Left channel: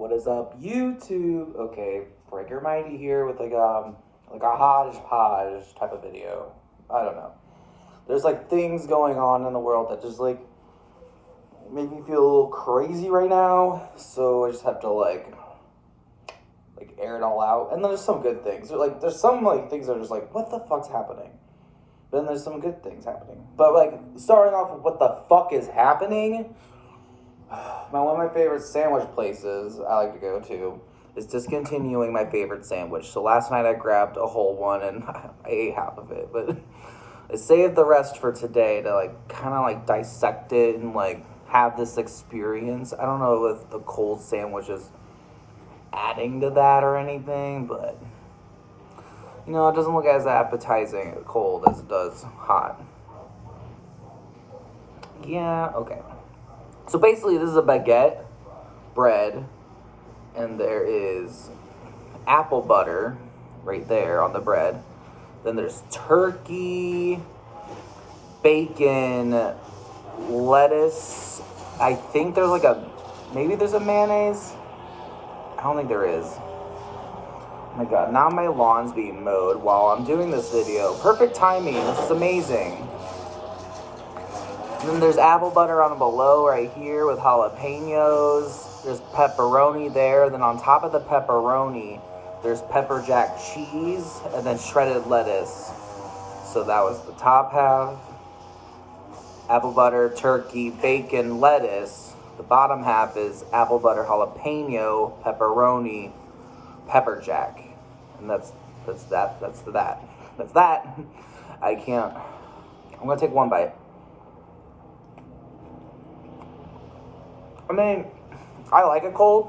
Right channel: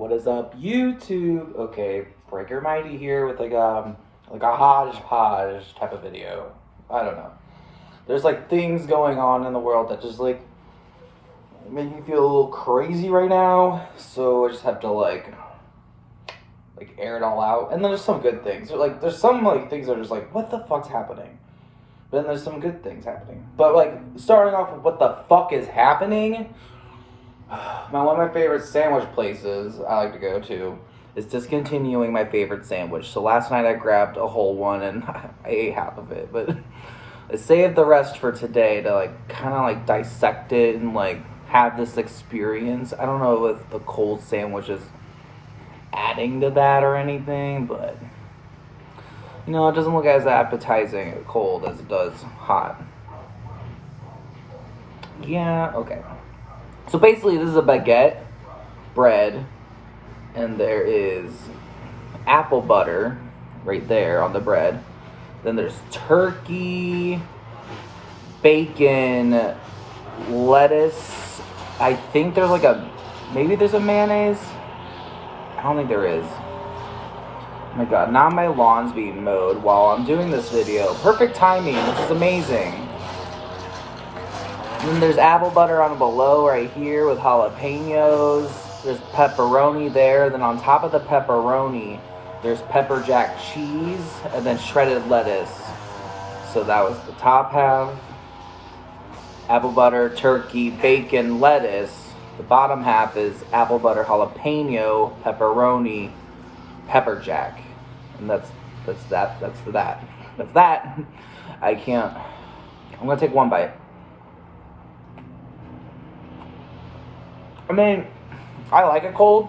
What is up, YouTube? Okay, Breaker Mighty here with like a hodgepodge type of video. I don't know. There's like things going on in the world that just like make me feel a little crazy right now. So I just have to like air it all out. And then there's some good things. There's some like things that are just like, what the fuck's happening? But then there's some good things happening. But like starting off with what the fuck is happening. One of my favorite sandwich places I like to go to is discontinuing my favorite sandwich. So last night I grabbed a whole one and I ate half of it, but I saved the rest for today to like kind of like dissect it and like have this experience. I don't know if the cold sandwich is adding to that or anything, but you know, it doesn't look as appetizing cold as it does hot. Yeah, okay. So basically, this is a baguette, bread, and there is apple butter right there on the bread. Then there's turkey, bacon, lettuce. I think there's maybe there's a mayonnaise. I don't think there is. Oh my god, now my lawn's being mowed while I'm doing this video. Perfect timing, this is amazing. And then there's apple butter on below right here with jalapenos. There's pepperoni there. Then on top of the pepperoni, there's pepper jack cheese and then shredded lettuce. So that was the top half. Apple butter, turkey, bacon, lettuce. The bottom half is apple butter, jalapeno, pepperoni, pepper jack. And that's that. I can't. I'm gonna take one bite. I mean, I like it cold,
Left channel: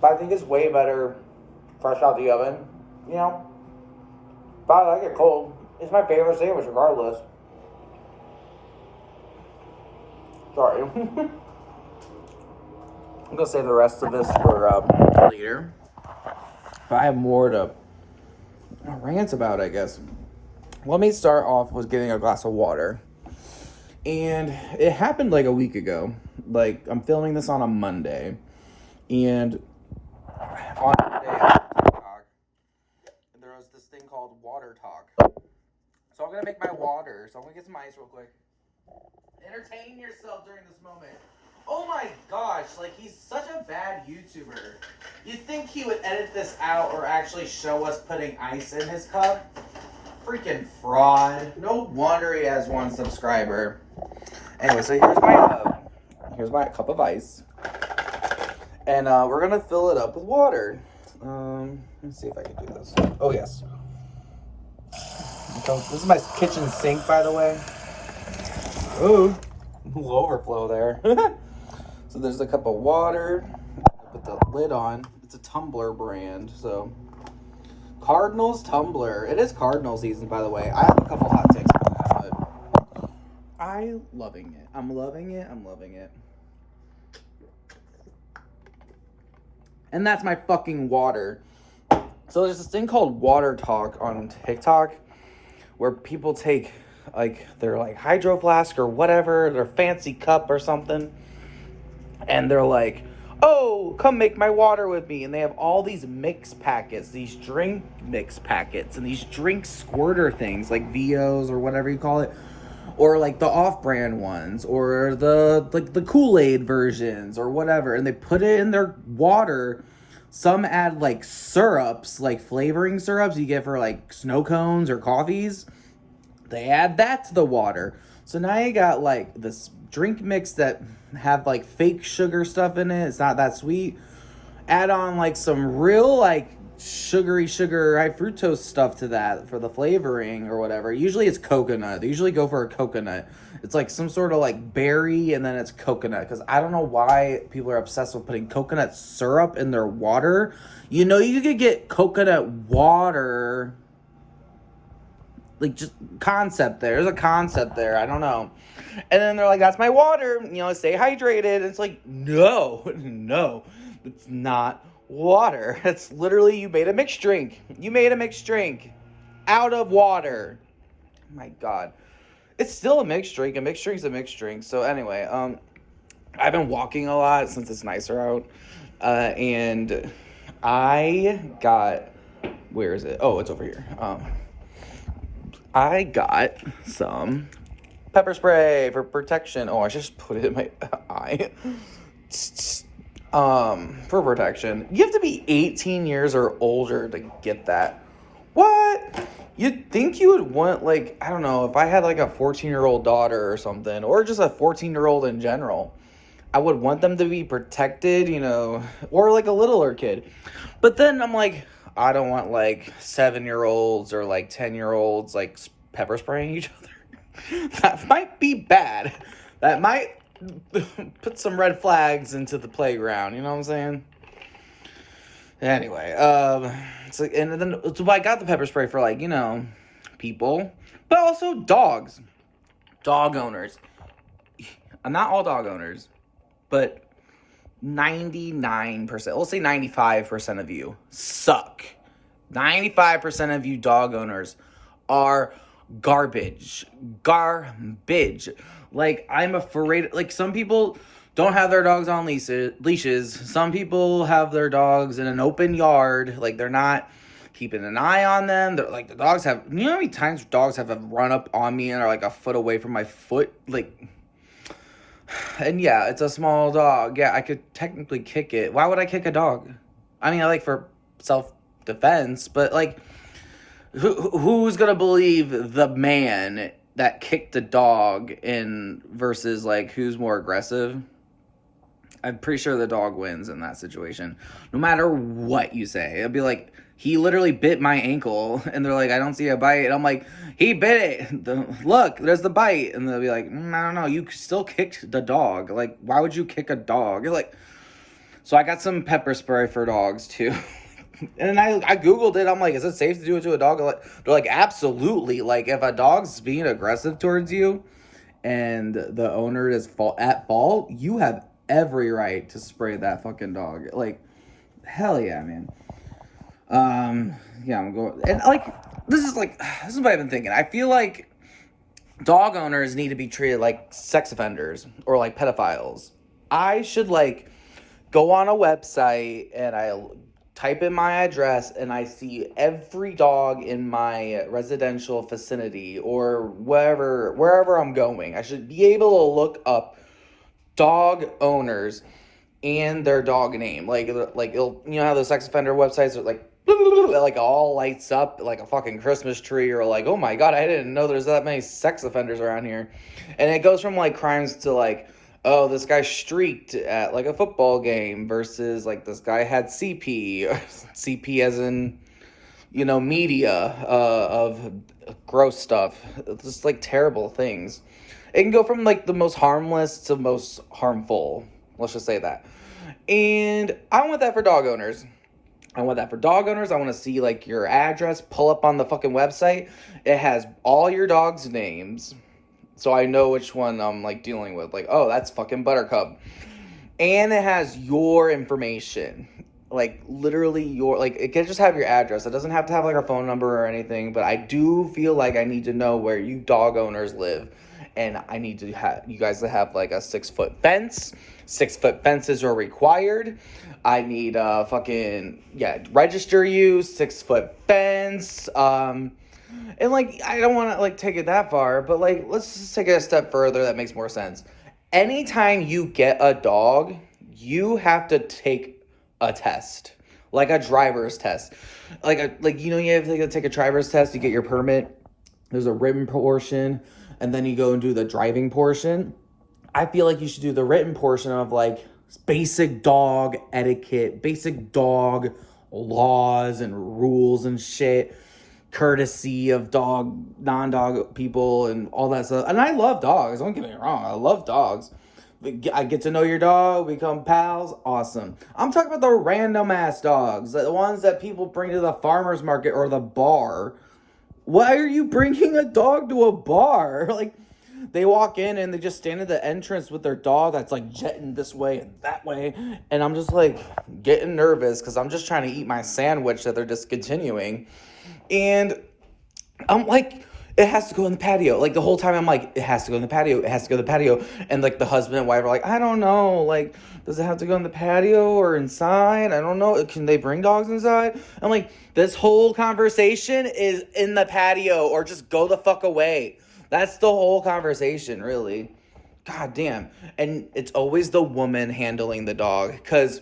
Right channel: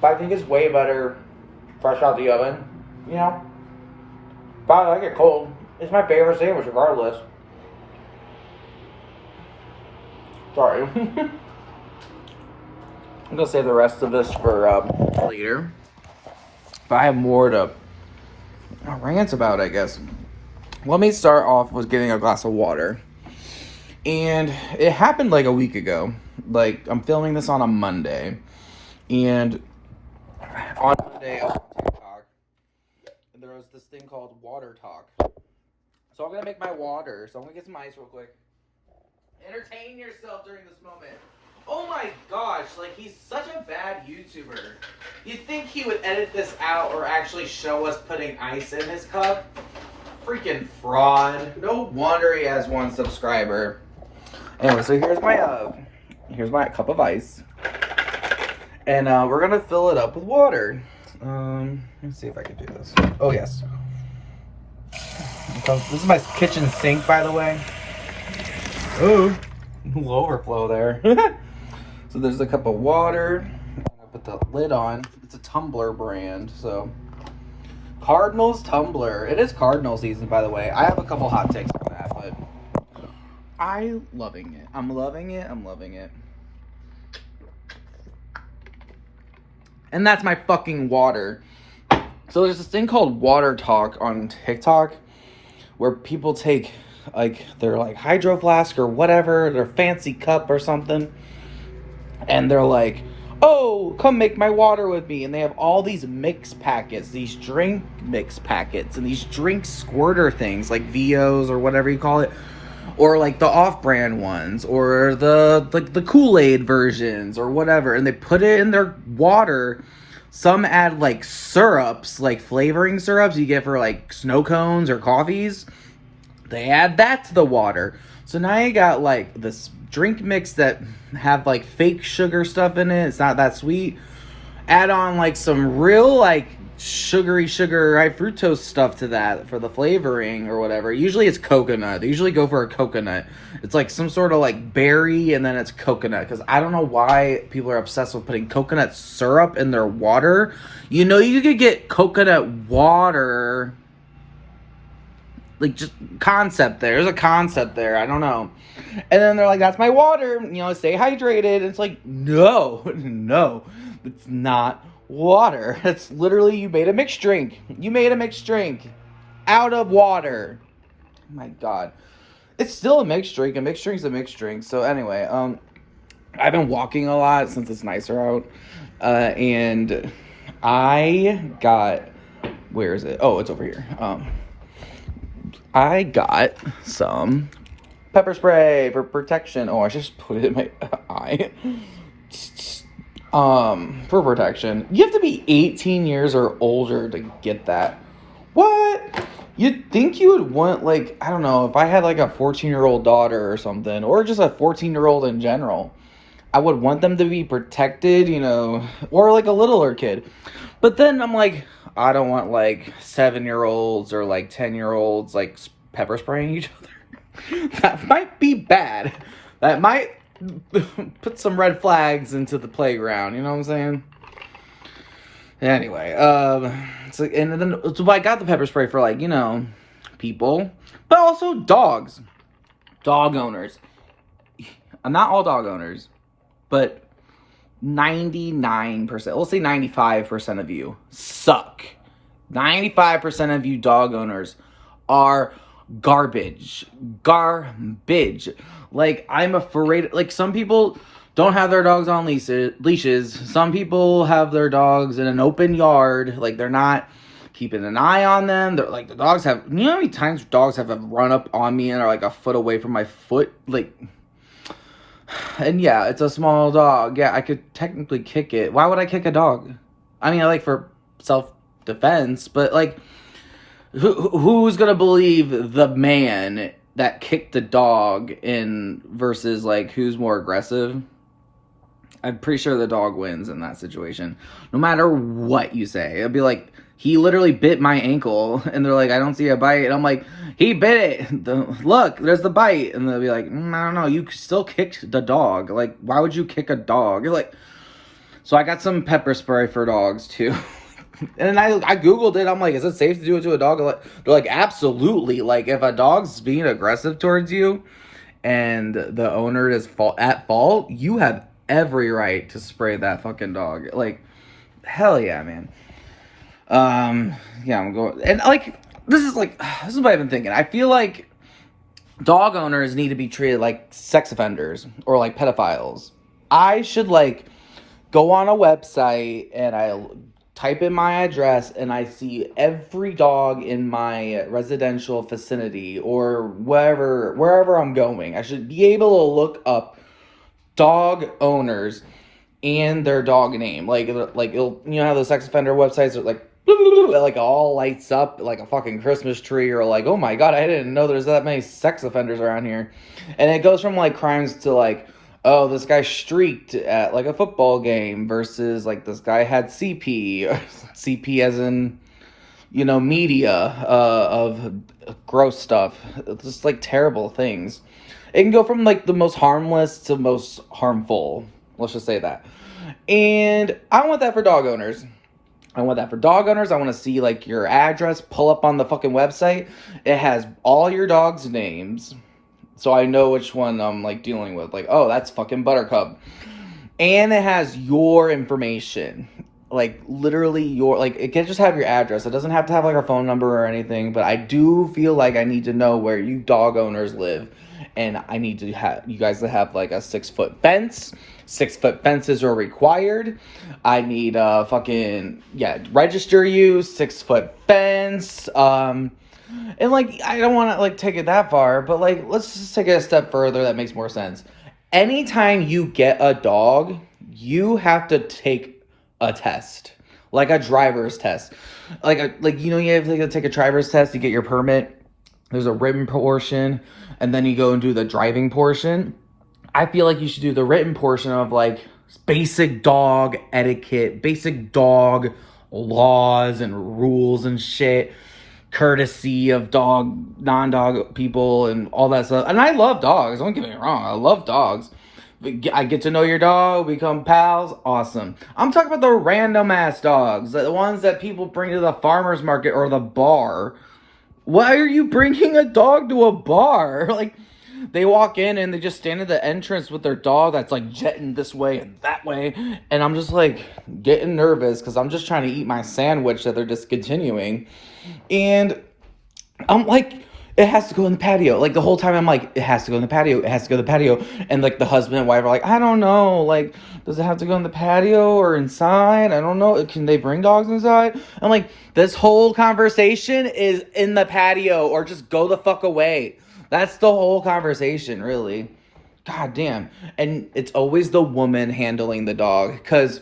but I think it's way better fresh out the oven, you know? But I like it cold. It's my favorite sandwich regardless. Sorry. I'm gonna save the rest of this for later. But I have more to rant about, I guess. Let me start off with getting a glass of water. And it happened like a week ago. Like, I'm filming this on a Monday, and on Monday on TikTok, there was this thing called Water Talk. So I'm gonna make my water. So I'm gonna get some ice real quick. Entertain yourself during this moment. Oh my gosh, like he's such a bad YouTuber. You'd think he would edit this out or actually show us putting ice in his cup. Freaking fraud. No wonder he has 1 subscriber. Anyway, so here's my cup of ice, and we're gonna fill it up with water. Let's see if I can do this. Oh yes. This is my kitchen sink, by the way. Oh, a little overflow there. So there's a cup of water. I put the lid on. It's a Tumbler brand, so Cardinals Tumbler. It is Cardinal season, by the way. I have a couple hot takes on that, but I'm loving it. I'm loving it. And that's my fucking water. So there's this thing called Water Talk on TikTok where people take like their like hydro flask or whatever, their fancy cup or something, and they're like, oh, come make my water with me. And they have all these mix packets, these drink mix packets, and these drink squirter things like VOs or whatever you call it. Or like the off-brand ones, or the Kool-Aid versions, or whatever, and they put it in their water. Some add like syrups, like flavoring syrups you get for like snow cones or coffees. They add that to the water. So now you got like this drink mix that have like fake sugar stuff in it. It's not that sweet. Add on like some real like sugary high fructose stuff to that for the flavoring or whatever. Usually it's coconut. They usually go for a coconut. It's like some sort of like berry and then it's coconut, because I don't know why people are obsessed with putting coconut syrup in their water. You know, you could get coconut water. Like, just concept there. There's a concept there. I don't know. And then they're like, that's my water. You know, stay hydrated. And it's like, no. It's not water. It's literally, you made a mixed drink. Out of water. Oh my god. It's still a mixed drink. A mixed drink's a mixed drink. So anyway, I've been walking a lot since it's nicer out. And I got, where is it? Oh, it's over here. I got some pepper spray for protection. Oh, I just put it in my eye. For protection. You have to be 18 years or older to get that. What? You'd think you would want, like, I don't know, if I had like a 14-year-old daughter or something, or just a 14-year-old in general, I would want them to be protected, or like a littler kid. But then I'm like, I don't want like 7-year-olds or like 10-year-olds like pepper spraying each other. That might be bad. That might put some red flags into the playground, you know what I'm saying? Anyway, so I got the pepper spray for like, people, but also dogs. Dog owners. Not all dog owners, but 99%, let's say 95% of you suck. 95% of you dog owners are garbage. Like, I'm afraid, like, some people don't have their dogs on leashes. Some people have their dogs in an open yard. Like, they're not keeping an eye on them. They're like, the dogs have, you know how many times dogs have run up on me and are like a foot away from my foot? Like, and yeah, it's a small dog. Yeah, I could technically kick it. Why would I kick a dog? I mean, I like for self-defense, but like, who's gonna believe the man that kicked the dog versus like who's more aggressive? I'm pretty sure the dog wins in that situation. No matter what you say. It'll be like, he literally bit my ankle. And they're like, I don't see a bite. And I'm like, he bit it. Look, there's the bite. And they'll be like, I don't know. You still kicked the dog. Like, why would you kick a dog? You're like, so I got some pepper spray for dogs too. And then I Googled it. I'm like, is it safe to do it to a dog? They're like, absolutely. Like, if a dog's being aggressive towards you and the owner is at fault, you have every right to spray that fucking dog. Like, hell yeah, man. Yeah, I'm going, and like, this is what I've been thinking. I feel like dog owners need to be treated like sex offenders or like pedophiles. I should like go on a website and I type in my address and I see every dog in my residential vicinity or wherever I'm going. I should be able to look up dog owners and their dog name. Like it'll, how the sex offender websites are like, like all lights up like a fucking Christmas tree, or like, oh my god, I didn't know there's that many sex offenders around here. And it goes from like crimes to like, oh, this guy streaked at like a football game versus like this guy had CP, CP as in, media of gross stuff. It's just like terrible things. It can go from like the most harmless to most harmful. Let's just say that. And I want that for dog owners. I want to see like your address, pull up on the fucking website. It has all your dog's names, so I know which one I'm like dealing with. Like, oh, that's fucking Buttercup. And it has your information. Like, literally it can just have your address. It doesn't have to have like our phone number or anything, but I do feel like I need to know where you dog owners live. And I need to have you guys to have like a 6-foot fence. 6-foot fences are required. I need register you, 6-foot fence. And like, I don't want to like take it that far, but like, let's just take it a step further that makes more sense. Anytime you get a dog, you have to take a test, like a driver's test. You have to take a driver's test to get your permit. There's a written portion, and then you go and do the driving portion. I feel like you should do the written portion of like basic dog etiquette, basic dog laws and rules and shit, courtesy of non-dog people and all that stuff. And I love dogs, don't get me wrong, I love dogs. I get to know your dog, become pals, awesome. I'm talking about the random ass dogs, the ones that people bring to the farmer's market or the bar. Why are you bringing a dog to a bar? Like, they walk in and they just stand at the entrance with their dog that's like jetting this way and that way. And I'm just like getting nervous because I'm just trying to eat my sandwich that they're discontinuing. And I'm like, it has to go in the patio. Like the whole time I'm like, it has to go in the patio. It has to go in the patio. And like the husband and wife are like, I don't know. Like, does it have to go in the patio or inside? I don't know. Can they bring dogs inside? I'm like, this whole conversation is in the patio or just go the fuck away. That's the whole conversation, really. God damn. And it's always the woman handling the dog, because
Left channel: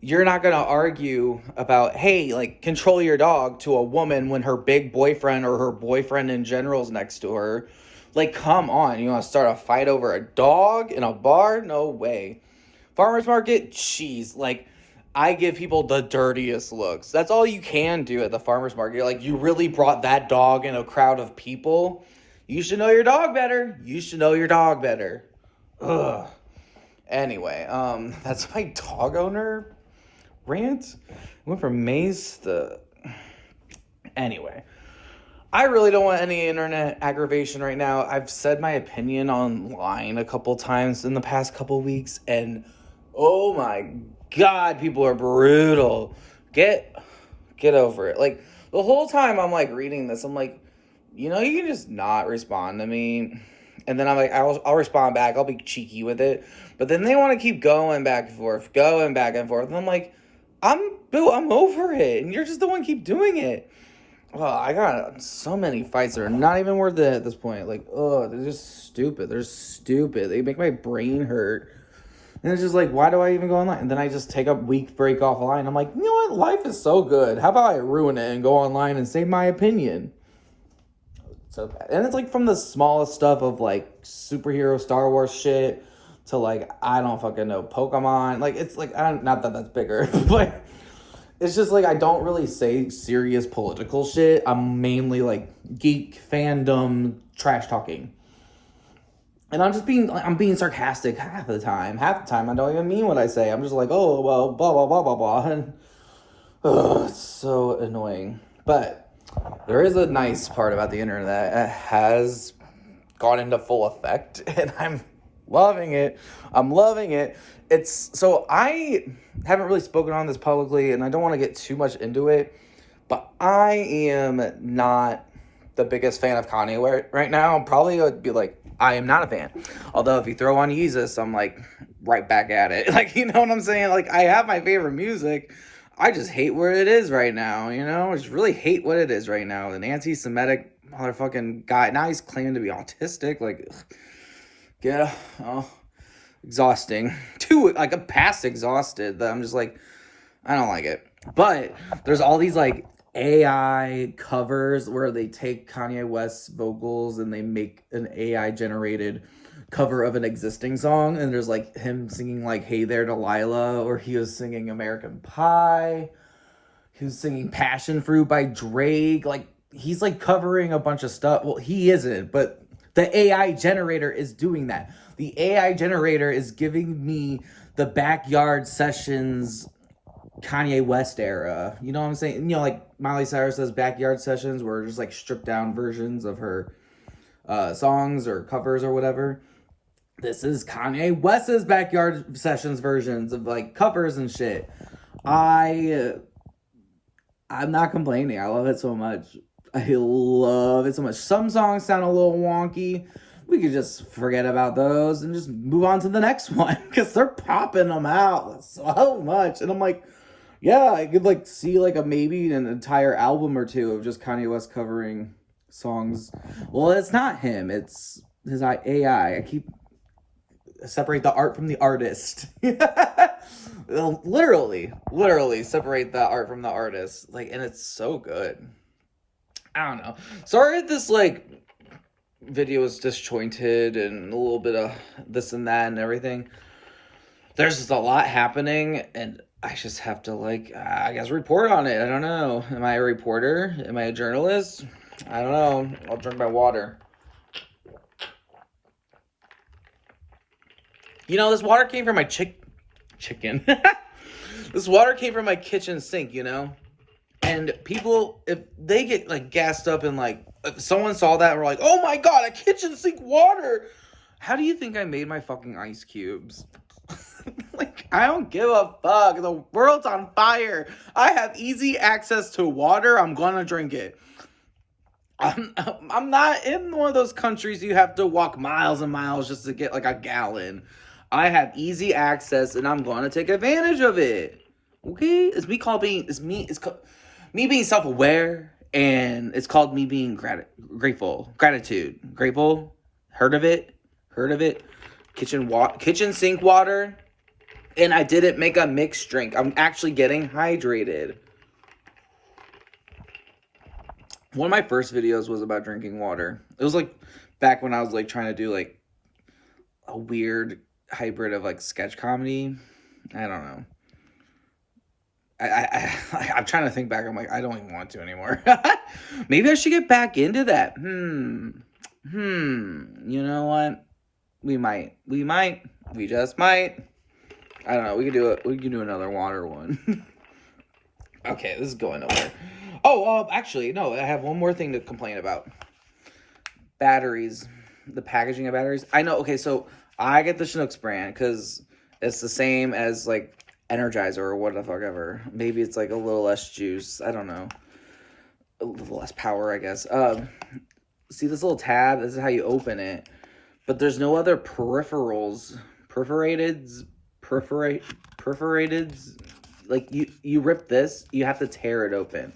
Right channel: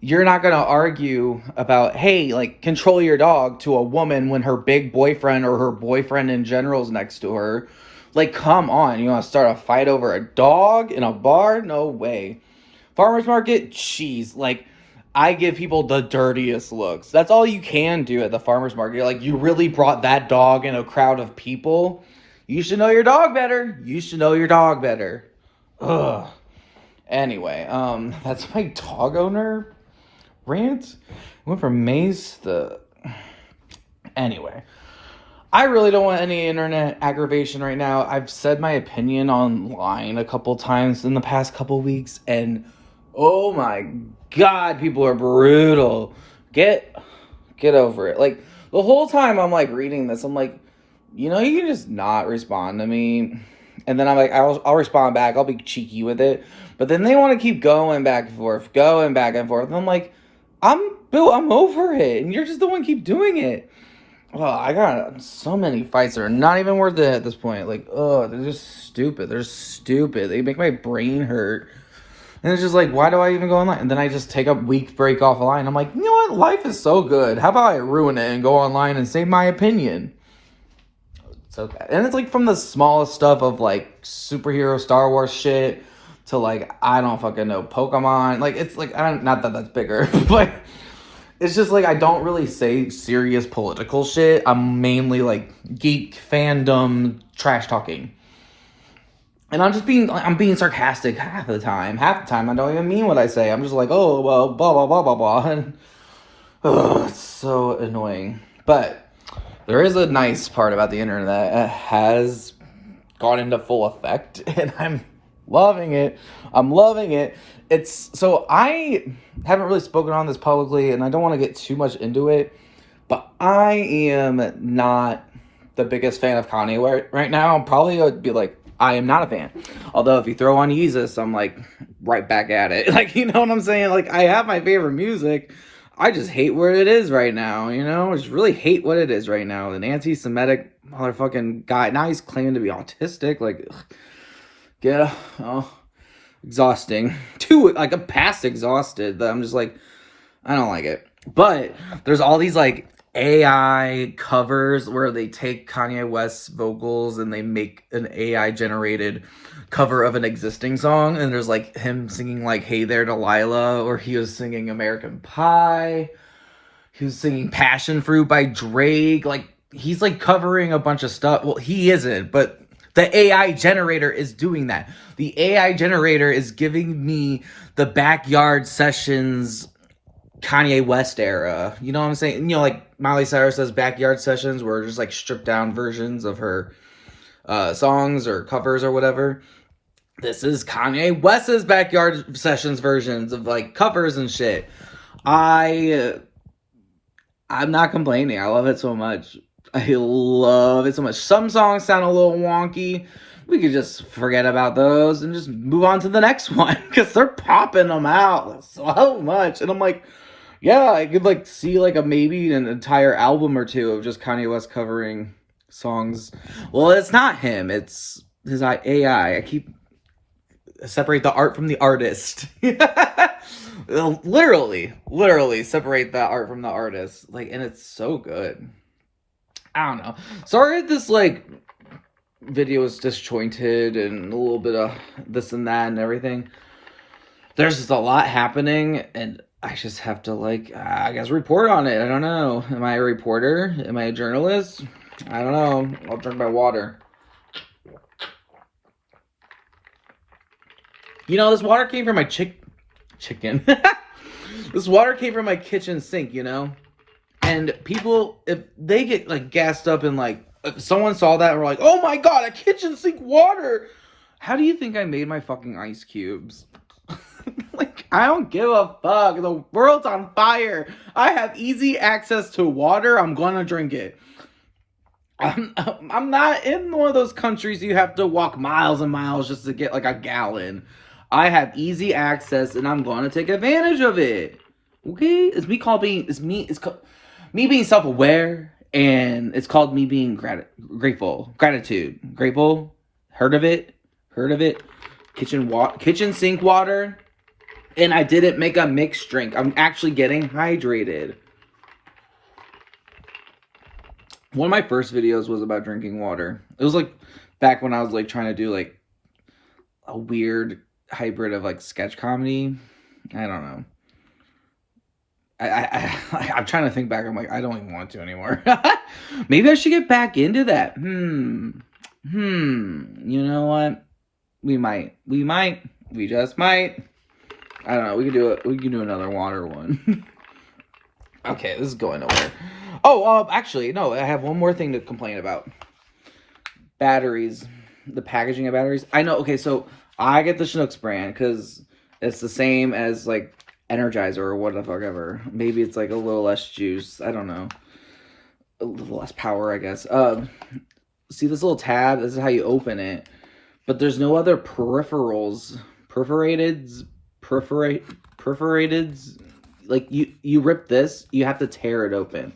you're not going to argue about, hey, like, control your dog to a woman when her big boyfriend or her boyfriend in general is next to her. Like, come on. You want to start a fight over a dog in a bar? No way. Farmer's market? Jeez. Like, I give people the dirtiest looks. That's all you can do at the farmer's market. Like, you really brought that dog in a crowd of people. You should know your dog better. You should know your dog better. Ugh. Anyway, that's my dog owner rant. Went from Maze to... Anyway, I really don't want any internet aggravation right now. I've said my opinion online a couple times in the past couple weeks, and oh my god, people are brutal. Get over it. Like, the whole time I'm like reading this, I'm like, you know, you can just not respond to me. And then I'm like, I'll respond back. I'll be cheeky with it. But then they want to keep going back and forth. And I'm like, Bill, I'm over it. And you're just the one keep doing it. Oh, I got so many fights that are not even worth it at this point. Like, oh, they're just stupid. They make my brain hurt. And it's just like, why do I even go online? And then I just take a week break off line. I'm like, you know what? Life is so good. How about I ruin it and go online and say my opinion? So bad. And it's like from the smallest stuff of like superhero Star Wars shit to like, I don't fucking know, Pokemon. Like, it's like, not that that's bigger, but it's just like, I don't really say serious political shit. I'm mainly like geek fandom trash talking. And I'm being sarcastic half the time. Half the time I don't even mean what I say. I'm just like, oh, well, blah, blah, blah, blah, blah. And it's so annoying. But there is a nice part about the internet that has gone into full effect, and I'm loving it. So I haven't really spoken on this publicly, and I don't want to get too much into it, but I am not the biggest fan of Kanye right now. Probably would be like, I am not a fan. Although if you throw on Yeezus, I'm like right back at it. Like, you know what I'm saying? Like, I have my favorite music. I just hate where it is right now, you know? I just really hate what it is right now. An anti-Semitic motherfucking guy. Now he's claiming to be autistic. Like, exhausting. Like, I'm past exhausted. That I'm just like, I don't like it. But there's all these, like, AI covers where they take Kanye West's vocals and they make an AI-generated cover of an existing song, and there's like him singing like Hey There Delilah, or he was singing American Pie, he was singing Passion Fruit by Drake. Like, he's like covering a bunch of stuff. Well, he isn't, but the AI generator is doing that. The AI generator is giving me the Backyard Sessions Kanye West era. You know what I'm saying? You know, like Miley Cyrus does Backyard Sessions, where just like stripped down versions of her songs or covers or whatever. This is Kanye West's Backyard Sessions versions of like covers and shit. I'm not complaining. I love it so much. I love it so much. Some songs sound a little wonky. We could just forget about those and just move on to the next one, because they're popping them out so much. And I'm like, yeah, I could like see like maybe an entire album or two of just Kanye West covering songs. Well, it's not him. It's his AI. I keep separate the art from the artist. literally separate the art from the artist. Like, and it's so good. I don't know. Sorry if this like video is disjointed and a little bit of this and that and everything. There's just a lot happening, and I just have to like, I guess, report on it. I don't know. Am I a reporter? Am I a journalist? I don't know. I'll drink my water. You know, this water came from my chicken. This water came from my kitchen sink, you know? And people, if they get, like, gassed up and, like, if someone saw that and were like, oh my god, a kitchen sink water! How do you think I made my fucking ice cubes? Like, I don't give a fuck. The world's on fire. I have easy access to water. I'm gonna drink it. I'm not in one of those countries you have to walk miles and miles just to get like a gallon. I have easy access and I'm going to take advantage of it. Okay? Me being self-aware, and it's called me being grateful. Gratitude. Grateful. Heard of it? Heard of it? Kitchen sink water. And I didn't make a mixed drink. I'm actually getting hydrated. One of my first videos was about drinking water. It was like back when I was like trying to do like a weird hybrid of like sketch comedy. I don't know. I'm trying to think back. I'm like, I don't even want to anymore. Maybe I should get back into that. You know what? We might. We just might. I don't know. We can do another water one. Okay, this is going nowhere. Oh, actually, no. I have one more thing to complain about. Batteries. The packaging of batteries. I know. Okay, so I get the Schnucks brand because it's the same as like Energizer or what the fuck ever. Maybe it's like a little less juice. I don't know. A little less power, I guess. See this little tab? This is how you open it. But there's no other peripherals. Perforated. Like you rip this, you have to tear it open.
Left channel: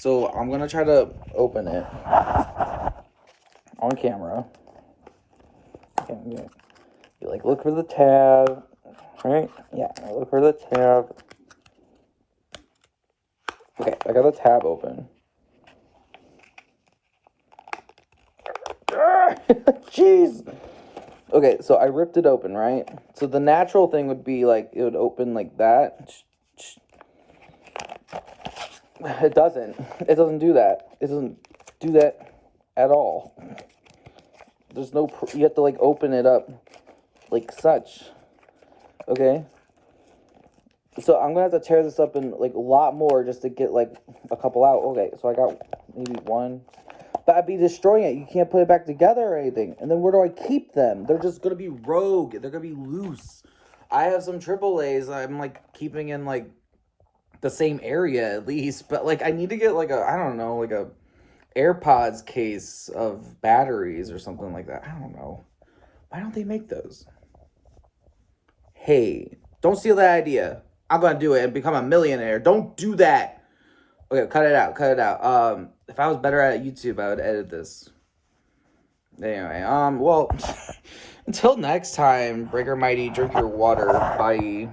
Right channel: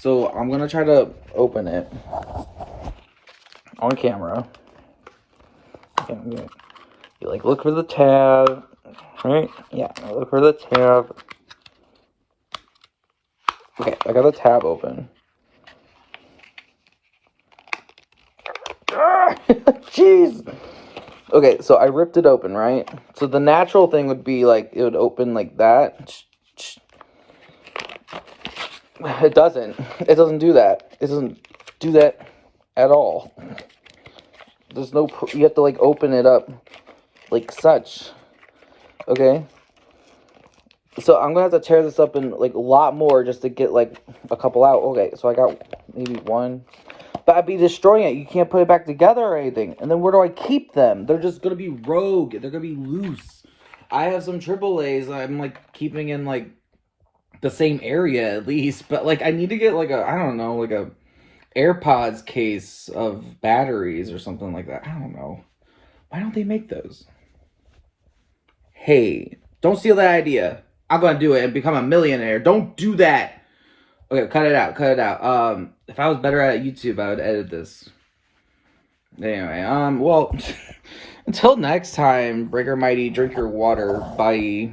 So I'm gonna try to open it on camera. Okay, you like look for the tab, right? Yeah, look for the tab. Okay, I got the tab open. Jeez. Okay, so I ripped it open, right? So the natural thing would be like it would open like that. It doesn't. It doesn't do that. It doesn't do that at all. There's no. You have to like open it up like such. Okay. So I'm gonna have to tear this up in like a lot more just to get like a couple out. Okay, so I got maybe one. But I'd be destroying it. You can't put it back together or anything. And then where do I keep them? They're just gonna be rogue. They're gonna be loose. I have some AAAs. I'm like keeping in like the same area at least. But like I need to get like a, I don't know, like a AirPods case of batteries or something like that. I don't know. Why don't they make those? Hey, don't steal that idea. I'm gonna do it and become a millionaire. Don't do that. Okay, cut it out. Cut it out. If I was better at YouTube, I would edit this. Anyway, well, until next time, Breaker Mighty, drink your water. Bye.